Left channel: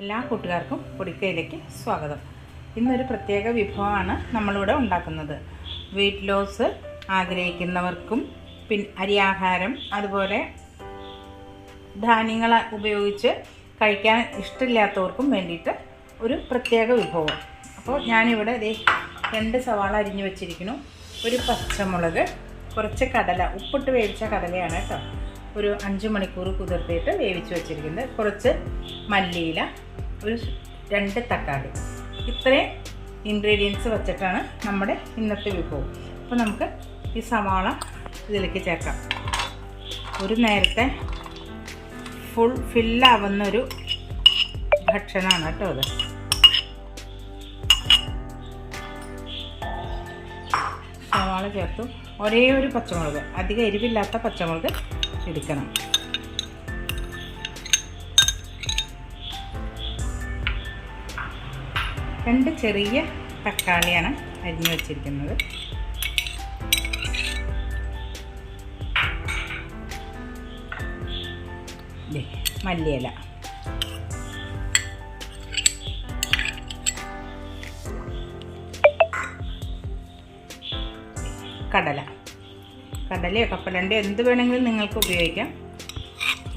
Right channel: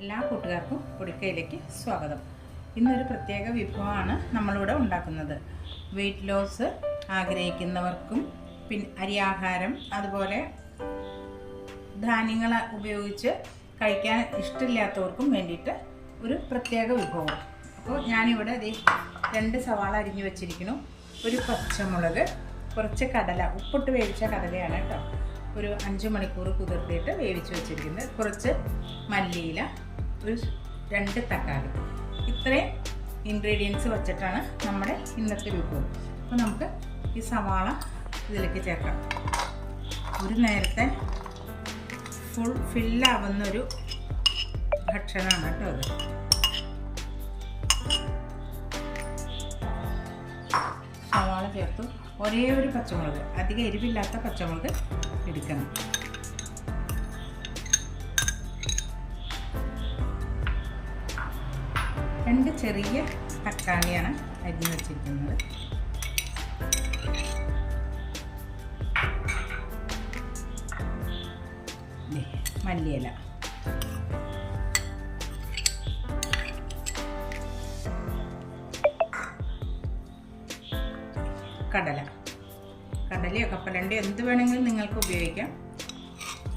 എല്ലാ കൂട്ടുകാർക്കും പൊടിക്കയിലേക്ക് സ്വാഗതം. ഇന്നൊരു പ്രത്യേക വിഭവമാണ് നമ്മളിവിടെ ഉണ്ടാക്കുന്നത്. വെയിറ്റ് ലോസ് ആഗ്രഹിക്കുന്നവർക്കും പിൻ അരിയാഹാരം അതുപോലെ ധാന്യങ്ങൾ ഉപയോഗിച്ച് കഴിക്കാൻ ഇഷ്ടമില്ലാത്തവർക്കും വേണ്ടിയിട്ട് ഒരു പ്രത്യേക വിഭവം. അപ്പോൾ ഞാനിവിടെ രണ്ട് സവാള അരിഞ്ഞു വെച്ചിരിക്കുന്നു. ഒരു പച്ചമുളക് കുറച്ച് കടല ഉപ്പിട്ട് വേവിച്ച കടലയാണ് കേട്ടോ. ഒരു അഞ്ച് മണിക്കൂർ കുതിർത്തിയിട്ട് വേവിച്ച് വെച്ചിരിക്കുന്നത് കുറച്ച് മല്ലിയില ഒരു രണ്ട് തക്കാളി. ഇത്രയും ഇൻഗ്രീഡിയൻസ് വെച്ചിട്ടാണ് നമ്മുടെ ഇന്നത്തെ വിഭവം അപ്പോൾ നമുക്ക് ഈ സവാള ഇതിലേക്ക് ചേർക്കാം. ഒരു നേരത്തെ ഫുൾ ഫില്ലാവുന്നൊരു ഭക്ഷണമാണ് കേട്ടോ അത്. സവാള ചേർത്തു. ഒരേ ഒരു പച്ചമുളക് അധികം എരിവില്ലാത്ത പച്ചമുളക് എടുക്കണം രണ്ട് ചെറിയ തക്കാളിയാണ് അരിഞ്ഞു വെച്ചിരിക്കുന്നത്. മല്ലിയില. കടല. കടലയോ കപ്പലണ്ടയോ എന്ത് വേണമെങ്കിലും നിങ്ങൾക്ക് ഉപയോഗിക്കാം.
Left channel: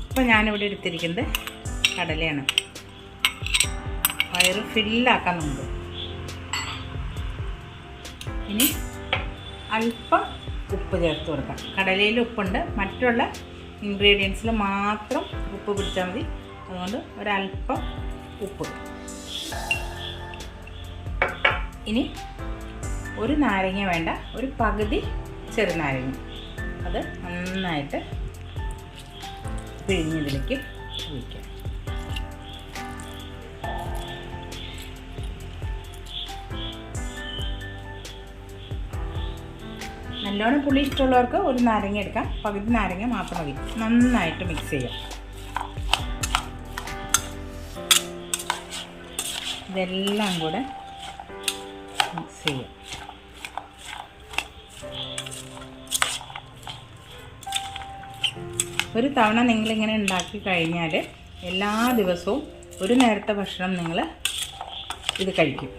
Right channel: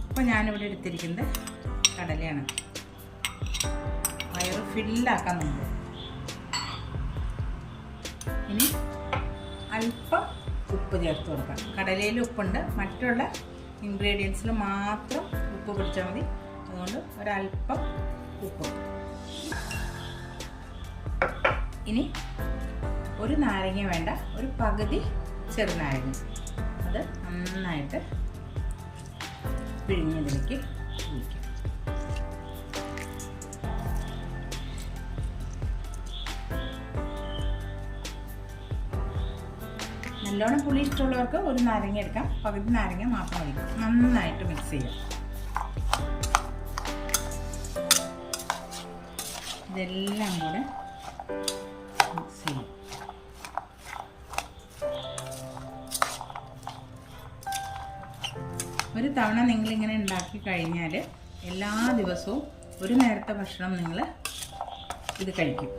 ഇപ്പം ഞാനിവിടെ എടുത്തിരിക്കുന്നത് കടലയാണ്. വയറ് ഫില്ലാക്കാൻ നമുക്ക് ഇനി അല്പം ഉപ്പ് ചേർത്ത് കൊടുക്കാം. കടലയിൽ ഉപ്പുണ്ട്. മറ്റുള്ള ഇൻഗ്രീഡിയൻസിൽ മാത്രം ഉപ്പ് പിടിച്ചാൽ മതി. അതുകൊണ്ട് ഒരല്പം ഉപ്പ്. ഇനി ഒരു നാരങ്ങ വേണ്ട. ഒരു പകുതി ചെറുനാരങ്ങ. അത് നന്നായിട്ട് പിഴിഞ്ഞതിലേക്ക് ഒഴിക്കുക നല്ലോണം പുളി ഇഷ്ടമുള്ളവർക്ക് ഒരു നാരങ്ങ എടുക്കാം. പകുതി നാരങ്ങ മാത്രം മതി. നന്നായിട്ട് മിക്സ് ചെയ്യാം. ഇതെല്ലാം കൂടെ മിക്സ് ചെയ്യാം. ഒരു തവണ നിങ്ങളിങ്ങനെ ഉണ്ടാക്കി കഴിഞ്ഞാൽ എല്ലാ ദിവസവും ഒരു നേരത്തെ ഭക്ഷണം നിങ്ങൾ ഇത് കഴിക്കും.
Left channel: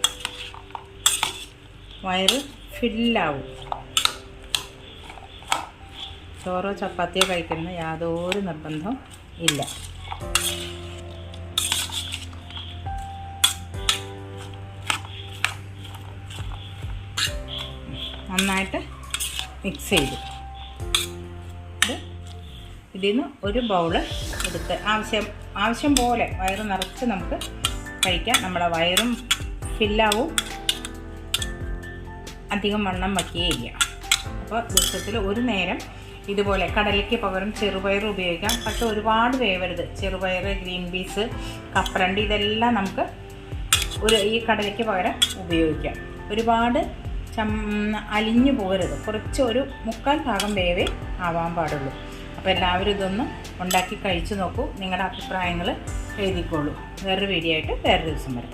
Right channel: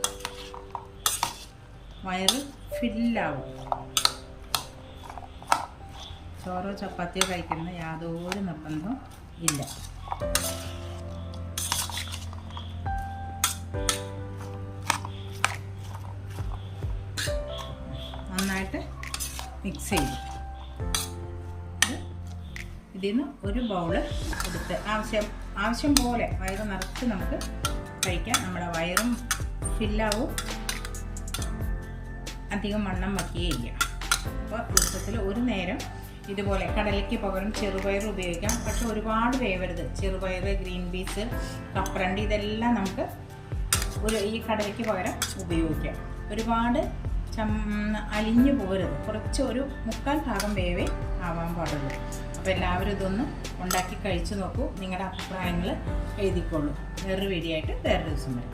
വയറ് ഫില്ലാവും. ചോറോ ചപ്പാത്തിയോ കഴിക്കുന്ന യാതൊരു നിർബന്ധവും ഇല്ല. നന്നായിട്ട് മിക്സ് ചെയ്തു. ഇതിൽ നിന്ന് ഒരു ബൗൾ എടുത്ത് ആവശ്യം ആവശ്യം പോലെ വയറ് നിറച്ച് നമുക്ക് കഴിക്കാം. നമ്മുടെ വയറും ഫില്ലാവും അധികം വണ്ണം വയ്ക്കുകയില്ല അപ്പോൾ ദിവസത്തിൽ ഒരു നേരം ഇതുപോലെ കടലയ്ക്ക് പകരം ചെറുപയർ ഉപയോഗിക്കാം. പക്ഷെ ഒരുപാട് വേവരുത്. ചെറുപയർ ഗ്രീൻ പീസ് കപ്പലണ്ടി ഇതെല്ലാം നമുക്ക് ഒരു ഈ കടലയ്ക്ക് പകരം ഉപയോഗിക്കാം. ഒരുപാട് ചം അലിഞ്ഞു പോകരുത്. കുറച്ച് ഒരു മുക്കാൽ ഭാഗം വേവേ ആവാൻ പാടുള്ളൂ. അപ്പോൾ എല്ലാവരും ഇതൊന്ന് ഉണ്ടാക്കി കഴിച്ചു നോക്കൂ. നിങ്ങളുടെ അഭിപ്രായങ്ങൾ എഴുതിക്കോളൂ. വേറൊരു വീഡിയോ ആയിട്ട് വേറൊരു ദിവസം വരാം.